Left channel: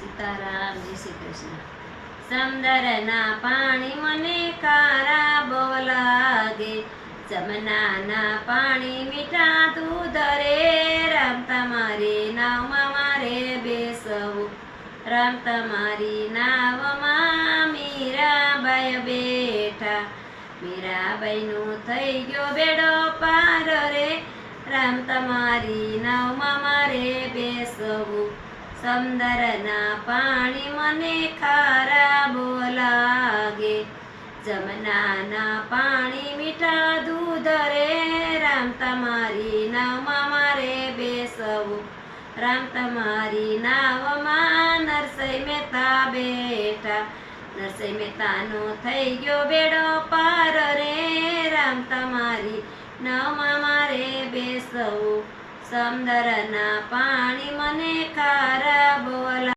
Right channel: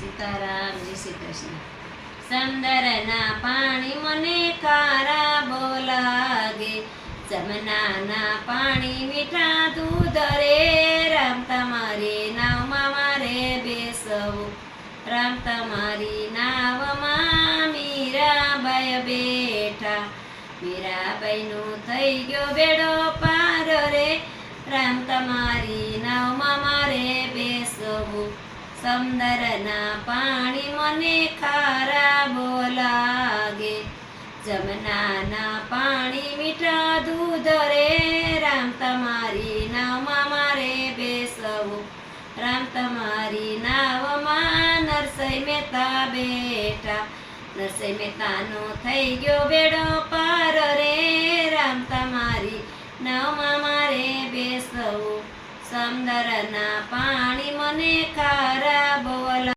સીતારામ, જય શ્રી કૃષ્ણ. સમંદરના પાણી મને ખારા બહુ લાગે, જમનાના પાણી મીઠા દૂધ રે. રામ તમારી નાવમાં મારે બેસવું, રામ તમારી નાવમાં મીરાબાઈ બેઠા. મીરાબાઈનું થઈ ગયો બેડો પાર રે, રામ તમારી નાવમાં મારે બેસવું. સમંદરના પાણી મને ખારા બહુ લાગે, જમનાના પાણી મીઠા દૂધ રે. રામ તમારી નાવમાં મારે બેસવું, રામ તમારી નાવમાં નરસિંહ મહેતા બેઠા. નરસિંહ મહેતાનો થઈ ગયો બેડો પાર રે, રામ તમારી નાવમાં મારે બેસવું. સમંદરના પાણી મને ખારા બહુ